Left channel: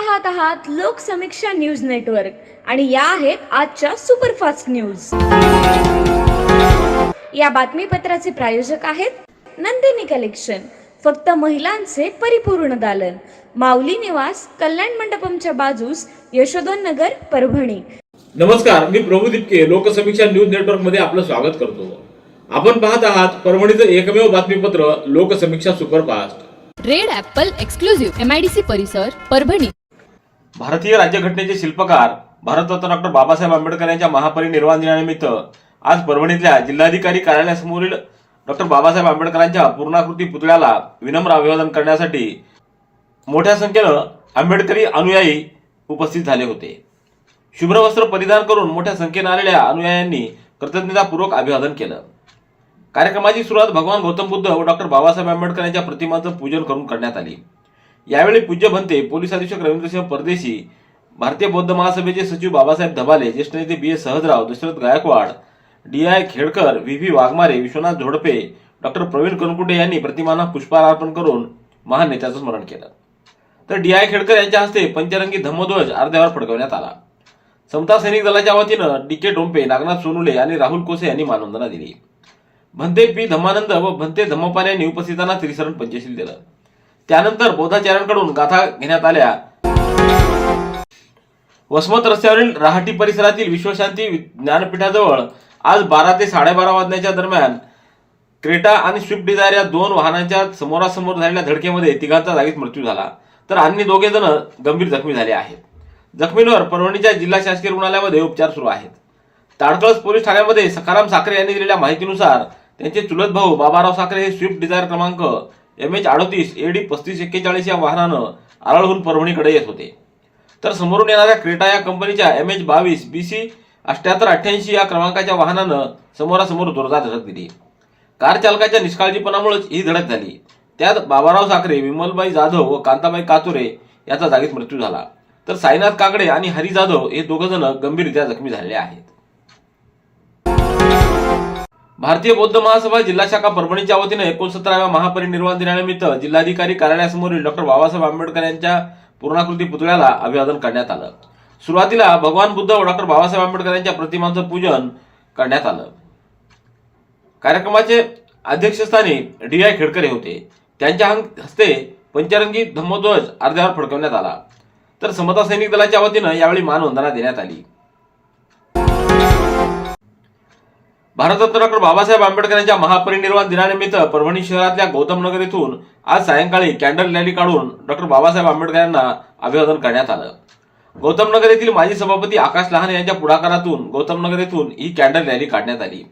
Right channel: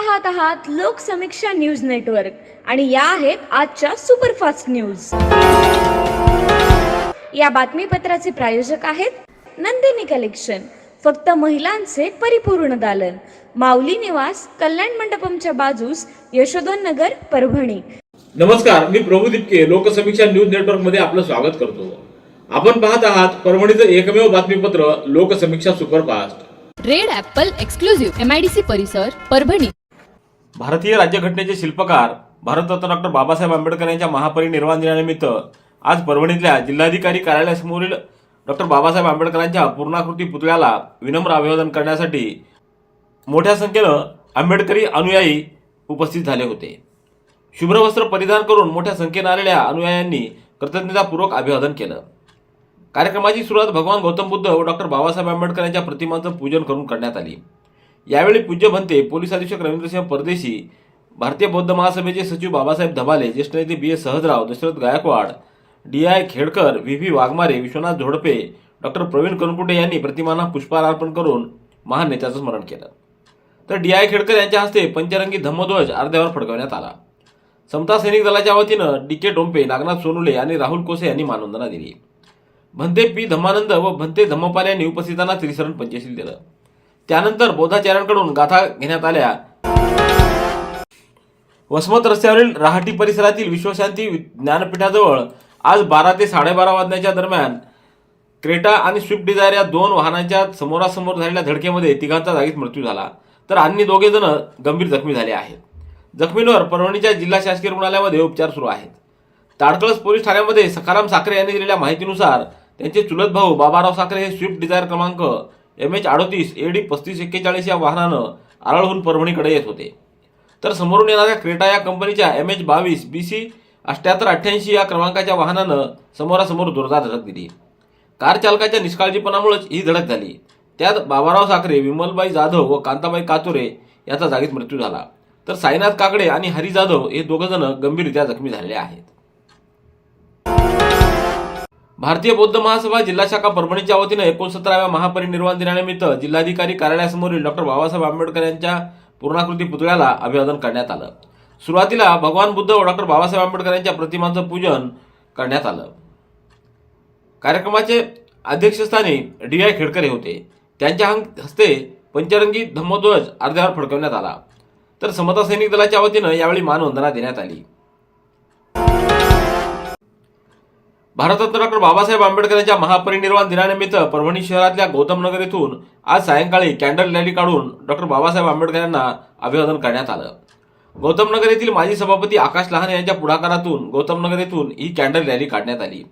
पाहत आहात Loksamiksha news network आणि या आहेत आजच्या सुपरफास्ट न्यूज। या बातमीपत्राचे प्रायोजक आहेत नंदिनी कलेक्शन, फक्त महिलांचे परिपूर्ण दालन, माऊली निवास, कल्याण मंडपमच्या बाजूस, यशोधन नगर, परभणी। नमस्कार, मी प्रभू दिपके लोकसमीक्षा न्यूज नेटवर्क मध्ये आपलं स्वागत करतो। आपण पाहत आहात परभणीचं एकमेव बातमीपत्र Loksamiksha superfast. Red Apple exclusive MIDC परिसर, परभणी। भारतीय राज्यघटनेचे शिल्पकार भारतरत्न डॉक्टर बाबासाहेब आंबेडकर यांच्या महापरिनिर्वाण दिनानिमित्त आज परभणीतल्या जिल्हाधिकारी कार्यालयासमोरील डॉक्टर बाबासाहेब आंबेडकरांच्या पूर्णाकृती पुतळ्याला विनम्र अभिवादन करण्यासाठी मोठ्या संख्येनं आंबेडकरी अनुयायी उपस्थित झाले होते। शुभ्र वस्त्र परिधान करून मोठ्या संख्येनं आलेल्या अनुयायांनी कृतज्ञतापूर्वक अभिवादन केलं। कार्यक्रमाची सुरुवात भगवान गौतम बुद्ध व डॉक्टर बाबासाहेब आंबेडकर यांच्या प्रतिमांचं पूजन करून करण्यात आली। यावेळी पूज्य भंते पोलीस अधीक्षक रवींद्रसिंह परदेशी, भारतीय बौद्ध महासभेचे सचिव बाबासाहेब धबाले, ज्येष्ठ नेते BS Sahajrao, Dashrath Gaikwad, DI Khedkar, VV Waghmare, Vishwanath Zodpe, doctor Pravin Kankute यांनी प्रतिमांना पुष्पहार अर्पण करून महान नेत्याचं स्मरण केलं। तर DI खेडकर यांच्या हस्ते पंचरंगी धम्मध्वज अर्ध्यावर फडकवण्यात आला। समता सैनिक दलाच्या वतीनं DK डोंपे, नागनाथ सोनुले आणि राहुल कोसे यांनी मानवंदना दिली। भंते P धम्मानंद व भंते धम्मपाल यांनी उपस्थितांना त्रिशरण पंचशील दिलं। त्यानंतर बौद्धाचार्यांकडून गाथा घेण्यात आल्या। वसमत रस्त्यावरील राहाटी परिसरातील विश्वशांती ज्ञानपीठाजवळ आज 12 ते 12:30 वाजण्याच्या दरम्यान क्रेटा आणि स्विफ्ट डिझायर या दोन वाहनांच्या समोरासमोर झालेल्या धडकेमध्ये तिघांचा जागीच मृत्यू झाला, तर अन्य 2 जण गंभीर जखमी झाले आहेत। जखमींवर परभणीच्या जिल्हा शासकीय रुग्णालयामध्ये उपचार सुरू आहेत। ताडकळस पोलीस ठाण्यामध्ये सखाराम साखरे यांनी दिलेल्या माहितीनुसार त्यांचे चुलत भाऊ बाबाराव साखरे हे स्विफ्ट डिझायर क्रमांक MH38 AD 3541 या वाहनानं आरळहून परभणीकडे येत होते, तर समोरून येणाऱ्या क्रेटा या कंपनीच्या MH22 BC 7888 या क्रमांकाच्या वाहनानं समोरासमोर जोरदार धडक दिली। कार चालकाच्या निष्काळजीपणामुळेच ही धडक झाली। त्यात बाबाराव साखरे, विमलबाई जाधव व कांताबाई कातुरे याचा जागीच मृत्यू झाला, तर साईनाथ काकडे आणि हरी जाधव हे 2 जण गंभीररित्या जखमी झालेले आहेत। भारतीय बौद्ध महासभा जिल्हा शाखा परभणीच्या वतीनं 69व्या महापरिनिर्वाण दिनानिमित्त जिल्हाधिकारी कार्यालयासमोरील डॉक्टर बाबासाहेब आंबेडकर यांच्या पूर्णाकृती पुतळ्याला अभिवादन करण्यात आलं। सुरुवातीला भगवान बुद्ध व डॉक्टर बाबासाहेब आंबेडकर यांच्या प्रतिमांचं पूजन करण्यात आलं। कार्यक्रमाचे अध्यक्षस्थानी DI खेडकर होते। त्यांच्या हस्ते पंचरंगी धम्मध्वज अर्ध्यावर फडकवण्यात आला, तर समता सैनिक दलाच्या वतीनं यावेळी मानवंदना देण्यात आली। भारतरत्न डॉक्टर बाबासाहेब आंबेडकर यांच्या महापरिनिर्वाण दिनानिमित्त परभणी शहरातल्या गौतम नगर येथून आज सायंकाळी कॅन्डल रॅली काढून डॉक्टर बाबासाहेब आंबेडकर यांना अभिवादन करण्यात आलं। गौतम नगर येथील माजी सभापती आकाश लहाने यांच्या पुढाकारातून गौतम नगर येथून ही कॅन्डल रॅली काढण्यात आली।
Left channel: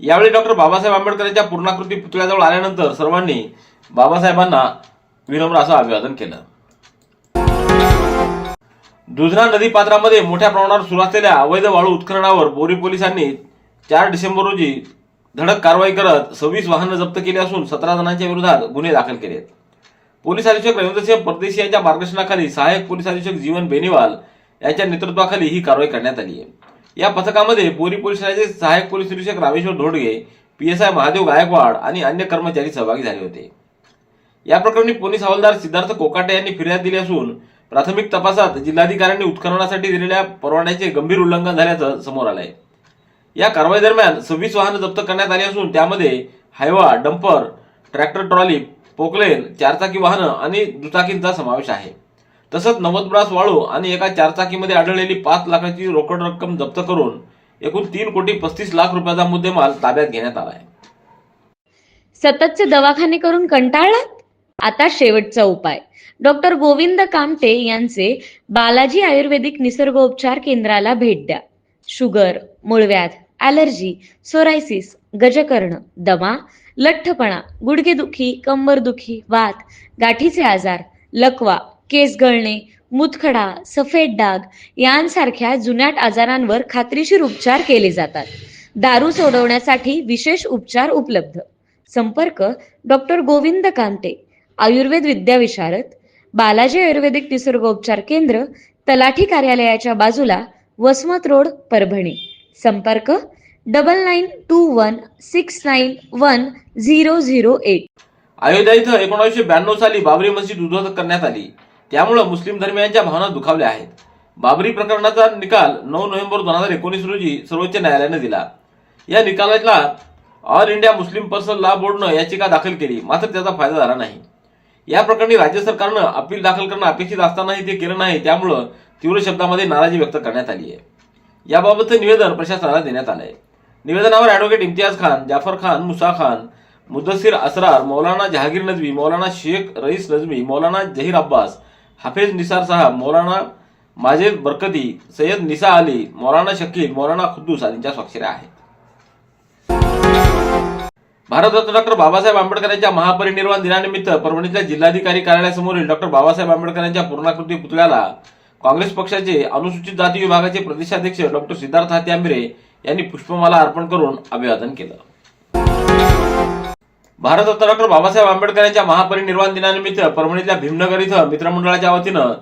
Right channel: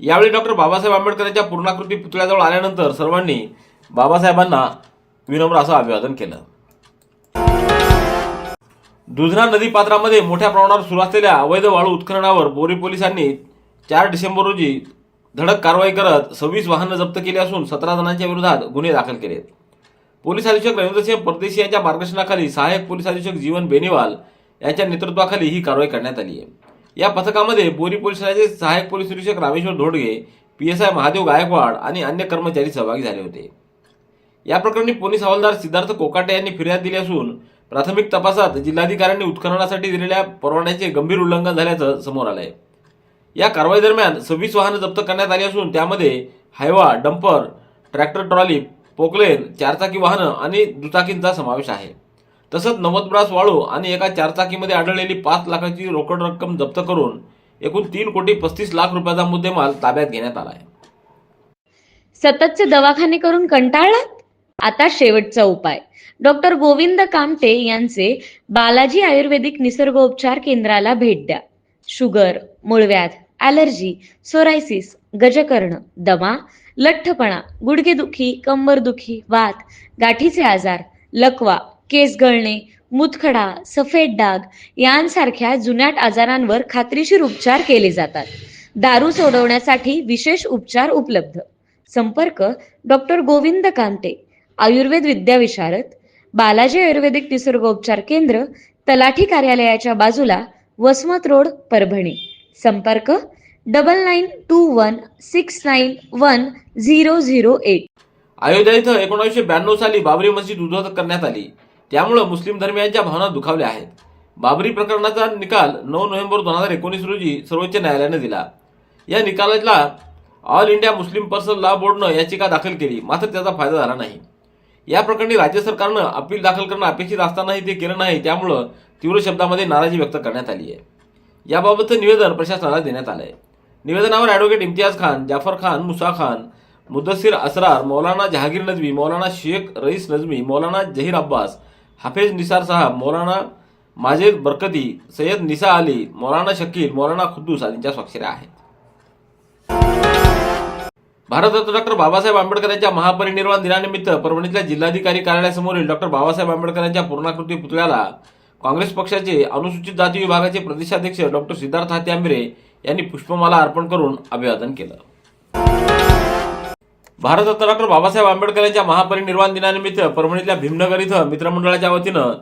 यावेळी डॉक्टर बाबासाहेब आंबेडकर यांच्या पूर्णाकृती पुतळ्याजवळ आल्यानंतर सर्वांनी बाबासाहेबांना विनम्र असं अभिवादन केलं। दुधना नदीपात्रामध्ये मोठ्या प्रमाणावर सुरू असलेल्या अवैध वाळू उत्खननावर बोरी पोलिसांनी 4 डिसेंबर रोजी धडक कारवाई करत 26 वाहनं जप्त केली असून 17 जणांच्या विरोधात गुन्हे दाखल केलेत। पोलीस अधीक्षक रवींद्रसिंह परदेशी यांच्या मार्गदर्शनाखाली सहाय्यक पोलीस अधीक्षक जीवन बेनीवाल यांच्या नेतृत्वाखाली ही कारवाई करण्यात आली आहे। या पथकामध्ये बोरी पोलीस ठाण्याचे सहाय्यक पोलीस निरीक्षक रामेश्वर धोडगे, PSI महादेव गायकवाड आणि अन्य कर्मचारी सहभागी झाले होते। या प्रकरणी पोलीस हवालदार सिद्धार्थ कोकाटे यांनी फिर्याद दिली असून प्राथमिक तपासात जिल्हाधिकाऱ्यांनी उत्खननासाठी दिलेल्या परवान्याचे गंभीर उल्लंघन झाल्याचं समोर आलंय। या कारवाई दरम्यान 26 वाहनं जप्त करण्यात आली असून त्यामध्ये Hyva, dumper, tractor trolley, Poclain, 4चाकी वाहनं आणि दुचाकींचा समावेश आहे। तसंच 90 ब्रास वाळू आणि एका 4चाकीमध्ये आढळलेली 5 लाखाची रोकड रक्कम जप्त करून एकूण 3,35,00,000 रुपयाचा मुद्देमाल ताब्यात घेण्यात आला आहे। सततचे दवाखाने करून कंटाळलात? आता शेवटचा उपाय। डॉक्टर गोविंद कामटे यांचे बालाजी आयुर्वेदिक निसर्गोपचार केंद्राला भेट द्या। शुगर, मूळव्याध, ॲलर्जी, सोरायसिस, गजकर्ण, दमा, लठ्ठपणा, गुडघेदुखी, कंबरदुखी, वात, गाठीचे आजार, लकवा, केस गळणे, मूतखडा, सफेद डाग यांसारख्या जुनाट आजारांवर खात्रीशीर उपचार केले जातात। दारू सोडवण्यासाठी विशेष उपचार उपलब्ध। संपर्क डॉक्टर गोविंद कामटे, आयुर्वेद विद्याविशारद, बालाजी आयुर्वेदिक निसर्गोपचार केंद्र, तलाठी कार्यालयाच्या बाजूला, वसमत रोड, परभणी। संपर्क 9921691008। अयोध्या इथं 1992 साली बाबरी मस्जिद उद्ध्वस्त करण्यात आली। त्यामुळे मुस्लिम धर्मियांच्या भावना दुखावल्या आहेत. बाबरी प्रकरणाचा निकाल 9 नोव्हेंबर 2019 रोजी सर्वोच्च न्यायालयाने दिला. या निकालाला all India Muslim personal law बोर्डनं याचिका दाखल केली, मात्र त्याचा फायदा झाला नाही. या प्रकरणी राज्य सरकारनं अपील दाखल करणं अपेक्षित असतानाही ते केलं नाही, त्यामुळं तीव्र शब्दामध्ये नाराजी व्यक्त करण्यात आली आहे. याबाबतचं निवेदन प्रशासनाला देण्यात आलंय. निवेदनावर ॲडव्होकेट इम्तियाज खान, जाफर खान, मुसा खान, मुदस्सिर असरार, मौलाना जहांगीर नजवी, मौलाना शेख रईस नजवी, मौलाना जहीर अब्बास, हाफिज निसार साहब, मौलाना माजिद बरकती, सय्यद निसा अली, मौलाना शकील, मौलाना खुद्दूस आदींच्या स्वाक्षऱ्या आहेत. भारतरत्न डॉक्टर बाबासाहेब आंबेडकर यांच्या महापरिनिर्वाण दिनानिमित्त परभणीतल्या जिल्हाधिकारी कार्यालयासमोरील डॉक्टर बाबासाहेब आंबेडकर यांच्या पूर्णाकृती पुतळ्याला काँग्रेस पक्षाचे अनुसूचित जाती विभागाचे प्रदेशाध्यक्ष डॉक्टर सिद्धार्थ हाती आंबेरे यांनी पुष्पमाला अर्पण करून अभिवादन केलं. भारतरत्न डॉक्टर बाबासाहेब आंबेडकर यांच्या महापरिनिर्वाण दिनानिमित्त परभणीतल्या भीमनगर इथं मित्रमंडळाच्या वतीनं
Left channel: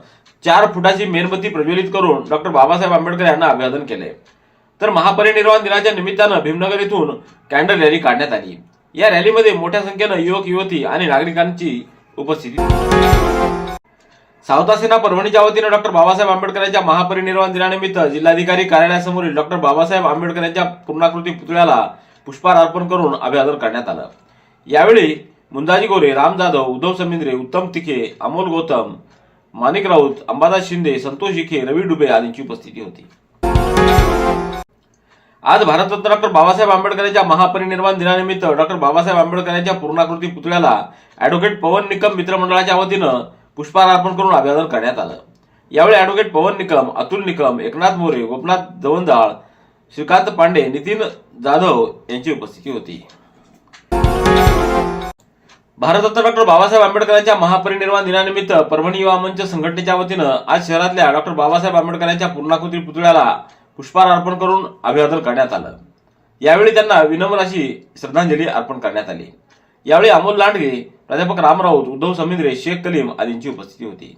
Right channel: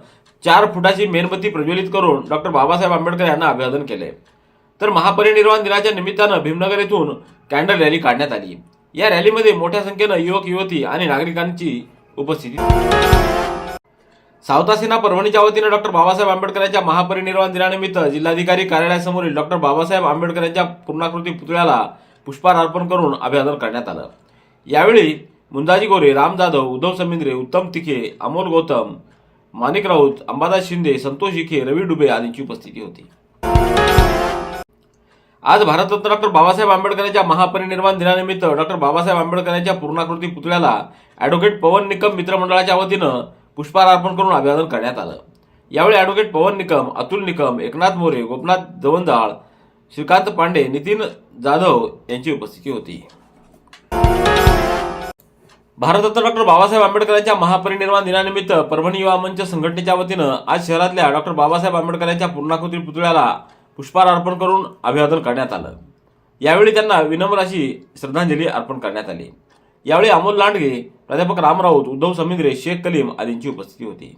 4 फुटाची मेणबत्ती प्रज्वलित करून डॉक्टर बाबासाहेब आंबेडकर यांना अभिवादन केले. तर महापरिनिर्वाण दिनाच्या निमित्तानं भीमनगर येथून कॅन्डल रॅली काढण्यात आली. या रॅलीमध्ये मोठ्या संख्येनं युवक युवती आणि नागरिकांची उपस्थिती. सावता सेना परभणीच्या वतीनं डॉक्टर बाबासाहेब आंबेडकर यांच्या महापरिनिर्वाण दिनानिमित्त जिल्हाधिकारी कार्यालयासमोरील डॉक्टर बाबासाहेब आंबेडकर यांच्या पूर्णाकृती पुतळ्याला पुष्पहार अर्पण करून अभिवादन करण्यात आलं. यावेळी मुंदाजी गोरे, राम जाधव, उद्धव समिंद्रे, उत्तम तिखे, अमोल गौतम, माणिक राऊत, अंबादास शिंदे, संतोष इखे, रवी डुबे आदींची उपस्थिती होती. आज भारतरत्न डॉक्टर बाबासाहेब आंबेडकर यांच्या महापरिनिर्वाण दिनानिमित्त डॉक्टर बाबासाहेब आंबेडकर यांच्या पूर्णाकृती पुतळ्याला ॲडव्होकेट पवन निकम मित्रमंडळाच्या वतीनं पुष्पहार अर्पण करून अभिवादन करण्यात आलं. यावेळी ॲडव्होकेट पवन निकम, अतुल निकम, एकनाथ मोरे, गोपनाथ जवंजाळ, श्रीकांत पांडे, नितीन जाधव यांची उपस्थिती होती. भारतरत्न डॉक्टर बाबासाहेब आंबेडकर यांच्या महापरिनिर्वाण दिनानिमित्त परभणी युवा मंच संघटनेच्या वतीनं आज शहरातल्या डॉक्टर बाबासाहेब आंबेडकर यांच्या पूर्णाकृती पुतळ्याला पुष्पहार अर्पण करून अभिवादन करण्यात आलं. यावेळी त्यांना विनम्र अशी श्रद्धांजली अर्पण करण्यात आली. यावेळी अमोल लांडगे, प्राध्यापक राम राऊत, उद्धव समिंद्रे, शेख कलीम आदींची उपस्थिती होती.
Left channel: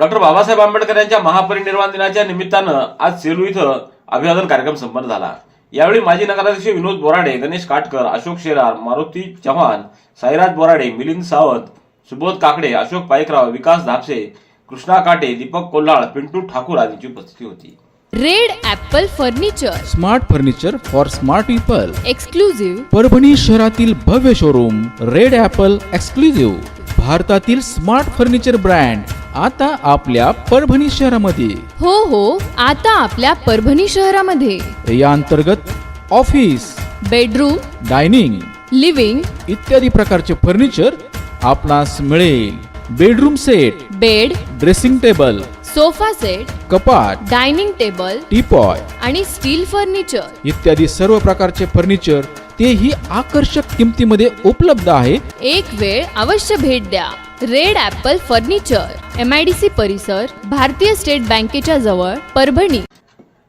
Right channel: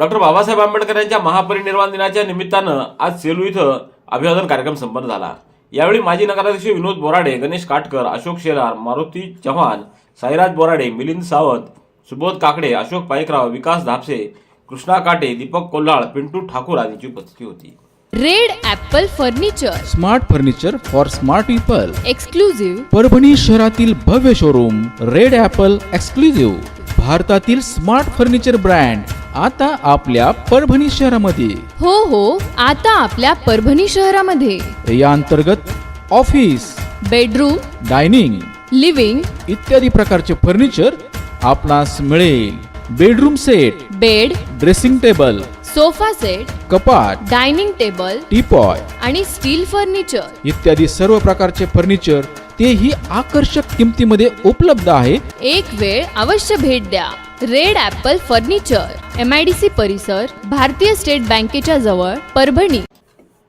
डॉक्टर बाबासाहेब आंबेडकर यांच्या महापरिनिर्वाण दिनाच्या निमित्तानं आज सेलू इथं अभिवादन कार्यक्रम संपन्न झाला. यावेळी माजी नगराध्यक्ष विनोद बोराडे, गणेश काटकर, अशोक शेलार, मारुती चव्हाण, साईराज बोराडे, मिलिंद सावंत, सुबोध काकडे, अशोक पाईकराव, विकास धापसे, कृष्णा काटे, दीपक कोल्हाळ, पिंटू ठाकूर आदींची उपस्थिती होती. Red Apple furniture, smart furniture for smart people. Exclusive Parbhani शहरातील भव्य शोरूम रेड ॲपल एक्सक्लुझिव्ह. भारतातील स्मार्ट फर्निचर ब्रँड आता आपल्या परभणी शहरामध्ये. हो, आता आपल्या परभणी शहरामध्ये. या अंतर्गत ऑफिस, बेडरूम, डायनिंग, लिव्हिंग इत्यादी प्रकारचे फर्निचर आपणास मिळेल. Bedroom set, bed, dressing table, sofa set, कपाट, डायनिंग टेबल टीपॉय आणि स्टील फर्निचर इत्यादी सर्व प्रकारचे फर्निचर तेही आकर्षक किमतीमध्ये उपलब्ध आहे. एक वेळ अवश्य भेट द्या. रेड ॲपल फर्निचर, MIDC परिसर, भारतीय स्टेट बँकेच्या जवळ, परभणी.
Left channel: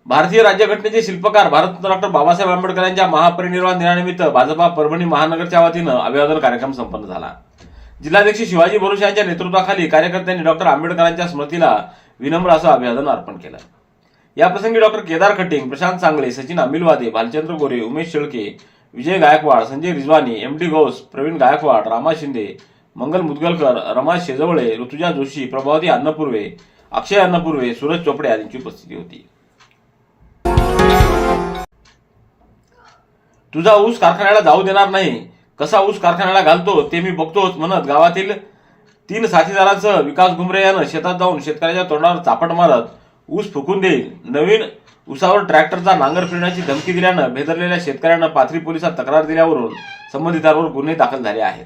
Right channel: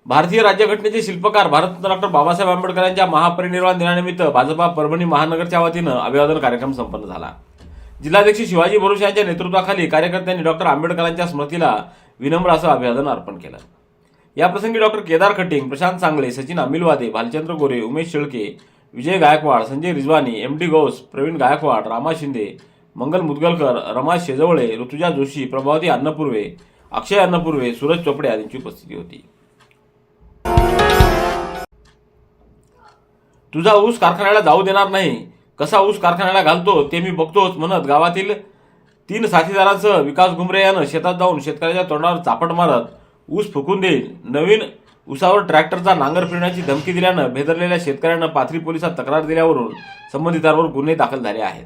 भारतीय राज्यघटनेचे शिल्पकार भारतरत्न डॉक्टर बाबासाहेब आंबेडकर यांच्या महापरिनिर्वाण दिनानिमित्त भाजपा परभणी महानगरच्या वतीनं अभिवादन कार्यक्रम संपन्न झाला. जिल्हाध्यक्ष शिवाजी बोरुशे यांच्या नेतृत्वाखाली कार्यकर्त्यांनी डॉक्टर आंबेडकरांच्या स्मृतीला विनम्र असं अभिवादन अर्पण केलं. याप्रसंगी डॉक्टर केदार खटिंग, प्रशांत सांगळे, सचिन आमिलवादे, भालचंद्र गोरे, उमेश शेळके, विजय गायकवाड, संजय रिजवानी, MD गौस, प्रवीण गायकवाड, रामा शिंदे, मंगल मुदगलकर, रमा शेजवळे, ऋतुजा जोशी, प्रभावती अन्नपूर्वे, अक्षय अन्नपूर्वे, सूरज चोपडे आदींची उपस्थिती होती. तुझा ऊस कारखान्याला जाऊ देणार नाही, कसा ऊस कारखान्याला घालतो ते मी बघतोच म्हणत गावातील 3 साथीदारांसह विकास घुमरे यानं शेतात जाऊन शेतकऱ्याच्या तोंडावर चापट मारत ऊस फुकून देईल, नवीन ऊसावर ट्रॅक्टरचा नांगर फिरण्याची धमकी दिल्यानं भेदरलेल्या शेतकऱ्यांना पाथरी पोलिसात तक्रार दिल्यावरून संबंधितांवर गुन्हे दाखल झाले आहेत.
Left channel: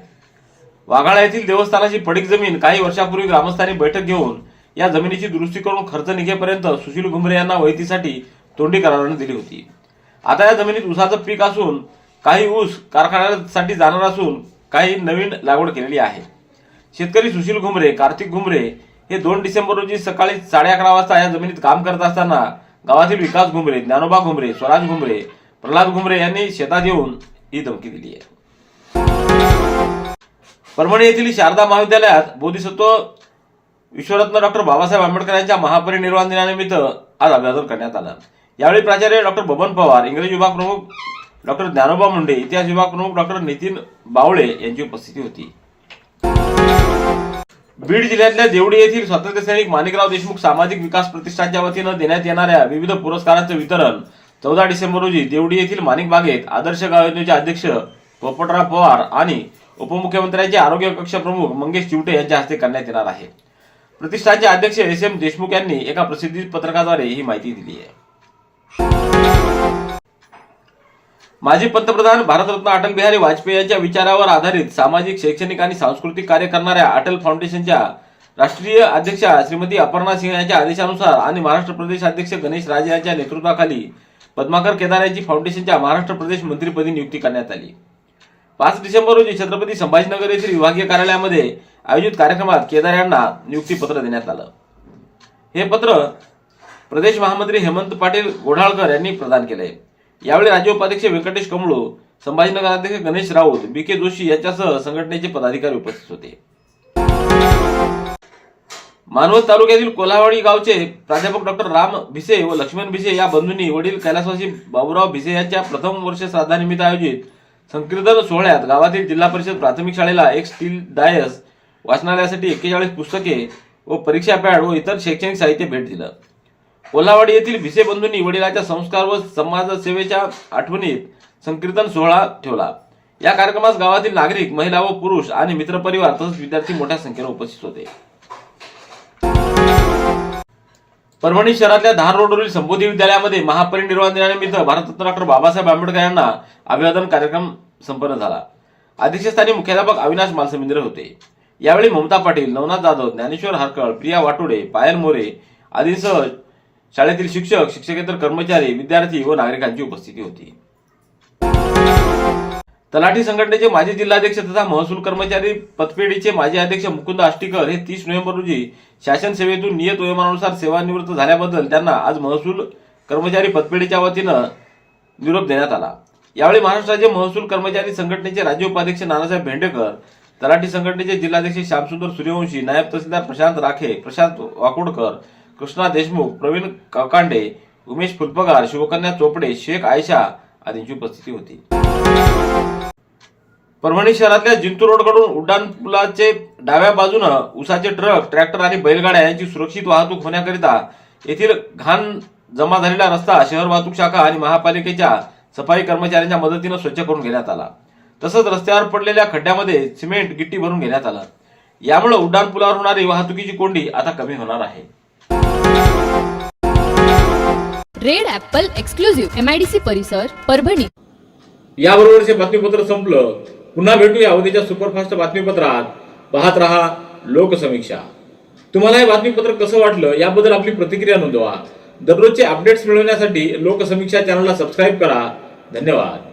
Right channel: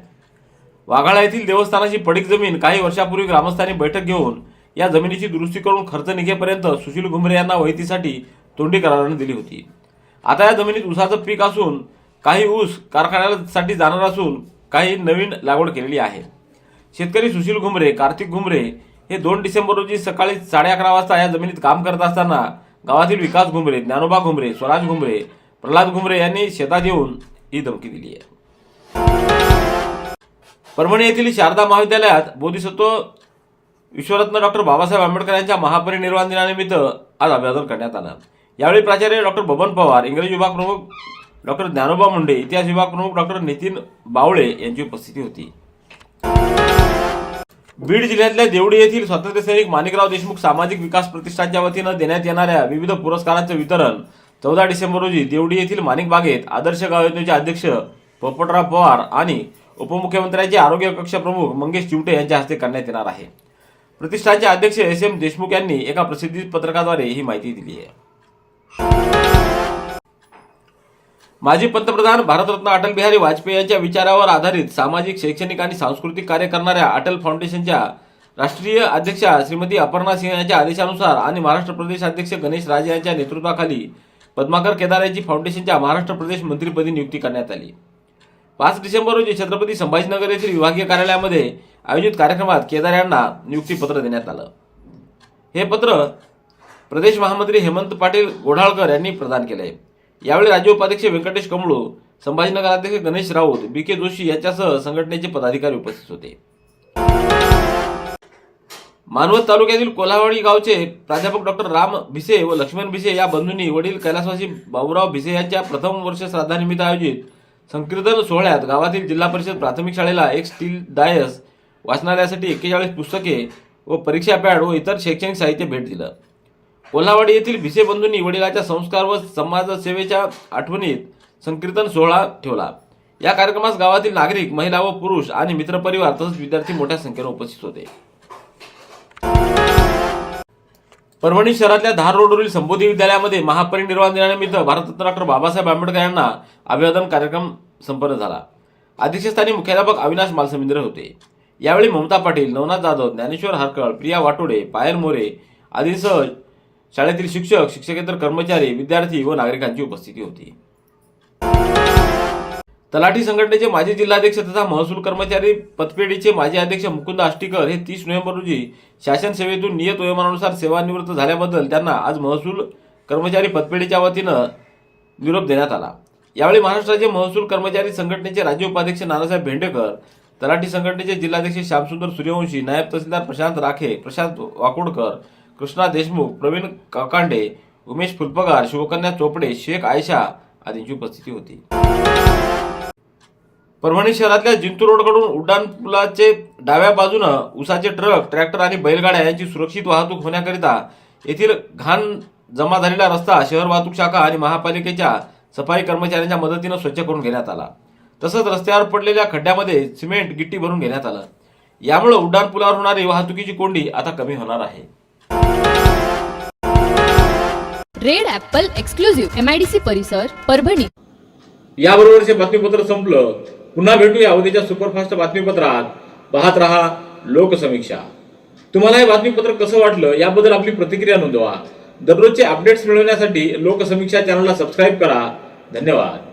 वाघाळा येथील देवस्थानाची पडीक जमीन काही वर्षापूर्वी ग्रामस्थांनी बैठक घेऊन या जमिनीची दुरुस्ती करून खर्च निघेपर्यंत सुशील घुमरे यांना वहितीसाठी तोंडी कराराने दिली होती. आता या जमिनीत ऊसाचं पीक असून काही ऊस कारखान्यासाठी जाणार असून काही नवीन लागवड केलेली आहे. शेतकरी सुशील घुमरे, कार्तिक घुमरे हे 2 डिसेंबर रोजी सकाळी 11:30 वाजता या जमिनीत काम करत असताना गावातील विकास घुमरे, ज्ञानोबा घुमरे, स्वराज घुमरे, प्रल्हाद घुमरे यांनी शेतात येऊन ही धमकी दिली आहे. परभणी येथील शारदा महाविद्यालयात बोधिसत्व विश्वरत्न डॉक्टर बाबासाहेब आंबेडकर यांच्या महापरिनिर्वाण दिनानिमित्त आज अभिवादन करण्यात आलं. यावेळी प्राचार्य डॉक्टर बबन पवार, इंग्रजी विभाग प्रमुख डॉक्टर ज्ञानोबा मुंडे, इतिहास विभाग प्रमुख डॉक्टर नितीन बावळे यांची उपस्थिती होती. बीड जिल्ह्यातल्या देवडी येथील स्वातंत्र्यसैनिक माणिकराव देशमुख सामाजिक विकास प्रतिष्ठानच्या वतीनं देण्यात येणाऱ्या विविध पुरस्कारांचं वितरण 14 डिसेंबर रोजी देवडी येथील माणिक बागेत आदर्श गाव योजनेचे अध्यक्ष पोपटराव पवार आणि उपमुख्यमंत्र्यांचे आरोग्य कक्ष प्रमुख मंगेश चिवटे यांच्या हस्ते करण्यात येणार आहे. प्रतिष्ठानचे अध्यक्ष SM देशमुख यांनी एका प्रसिद्धी पत्रकाद्वारे ही माहिती दिली आहे. माजी पंतप्रधान भारतरत्न अटल बिहारी वाजपेयी यांच्या विचारावर आधारित सामाजिक, शैक्षणिक आणि सांस्कृतिक कार्य करणाऱ्या अटल फाउंडेशनच्या राष्ट्रीय अध्यक्षा श्रीमती अपर्णा सिंह यांच्या आदेशानुसार आणि महाराष्ट्र प्रदेश अध्यक्ष गणेश राजे यांच्या नेतृत्वाखाली पद्माकर केदार यांची फाउंडेशनच्या महाराष्ट्र प्रदेश मंत्रिपदी नियुक्ती करण्यात आली. 5 डिसेंबर रोजी छत्रपती संभाजीनगर येथील विभागीय कार्यालयामध्ये आयोजित कार्यक्रमात केदार यांना नियुक्ती पत्र देण्यात आलं. हे पत्र प्रदेश महामंत्री हेमंत पाटील गोढाळकर यांनी प्रदान केले. यावेळी राज्य उपाध्यक्ष व्यंकटेश कमळू, संभाजीनगर अध्यक्ष गणेश राऊत, BK जोशी यांच्यासह संघटनेचे पदाधिकारी उपस्थित होते. मानवत तालुक्यातील कोल्हावाडी गावचे प्राध्यापक डॉक्टर राम भिसे व लक्ष्मण भिसे या बंधूंनी वडील कैलासवासी बाबूराव भिसे यांच्या प्रथम वर्ष श्राद्धानिमित्त आयोजित संकीर्तन सोहळ्यात गावातील जिल्हा परिषद प्राथमिक शाळेला एक स्टील डायस, वाचनालयासाठी 41 पुस्तके व परीक्षा पॅड व इतर शैक्षणिक साहित्य भेट दिलं. कोल्हावाडी येथील भिसे बंधूंनी वडिलांच्या संस्कार व समाजसेवेच्या आठवणीत संकीर्तन सोहळा ठेवला. या कार्यक्रमास गावातील नागरिक, महिला व पुरुष आणि मित्रपरिवार तसेच विद्यार्थी मोठ्या संख्येने उपस्थित होते. परभणी शहरातल्या धार रोडवरील संबोधी विद्यालयामध्ये महापरिनिर्वाण दिनानिमित्त भारतरत्न डॉक्टर बाबासाहेब आंबेडकर यांना अभिवादन कार्यक्रम संपन्न झाला. अध्यक्षस्थानी मुख्याध्यापक अविनाश मालसमिंद्रे होते. यावेळी ममता पाटील, नवनाथ जाधव, ज्ञानेश्वर हरकळ, प्रिया वाटोडे, पायल मोरे आदींसह शाळेतील शिक्षक, शिक्षकेतर कर्मचारी, विद्यार्थी व नागरिकांची उपस्थिती होती. तलाठी संघटनेचे माजी जिल्हाध्यक्ष तथा महसूल कर्मचारी पतपेढीचे माजी अध्यक्ष मुकुंद आष्टीकर हे 30 नोव्हेंबर रोजी शासन सेवेतून नियत वयोमानानुसार सेवानिवृत्त झाल्याबद्दल त्यांना आज महसूल कर्मचारी पतपेढीच्या वतीनं निरोप देण्यात आला. यावेळी महाराष्ट्र राज्य महसूल कर्मचारी संघटनेचे राज्य उपाध्यक्ष नानासाहेब भेंडेकर, तलाठी संघटनेचे जिल्हाध्यक्ष श्यामसुंदर सूर्यवंशी, नायब तहसीलदार प्रशांत राखे, प्रशांत वाकोडकर, कृष्णा देशमुख, प्रवीण काकांडे, उमेश फुलपगार, शिवकन्या चोपडे, शेख आयशा आदींची उपस्थिती होती. परभणी शहरातल्या जिंतूर रोडकडून उड्डाणपुलाचे डाव्या बाजूनं उसाचे ट्रक, ट्रॅक्टर आणि बैलगाड्या यांची सुरक्षित वाहतूक होण्याकरिता येथील घाण जमा झालेला रस्ता शहर वाहतूक शाखा आणि महापालिकेच्या सफाई कर्मचाऱ्यांच्या मदतीनं स्वच्छ करून घेण्यात आला. तसंच रस्त्यावर पडलेल्या खड्ड्यामध्ये सिमेंट, गिट्टी भरून घेण्यात आलं. यामुळे उड्डाणपुलावर होणारी वाहतुकीची कोंडी आता कमी होणार आहे. रेड ॲपल एक्सक्लुझिव्ह MIDC परिसर परभणी. याबरोबरचे बातमीपत्र संपलं. पुन्हा भेटूया उद्याच्या सुपरफास्ट बातमीपत्रात. पाहत रहा लोकसमीक्षा. तुम्हाला हे बातमीपत्र कसं वाटलं याबद्दल आपली प्रतिक्रिया नोंदवा. दररोजचे अपडेट्स मिळवण्यासाठी लोकसमीक्षा चॅनलला सबस्क्राईब करा. धन्यवाद.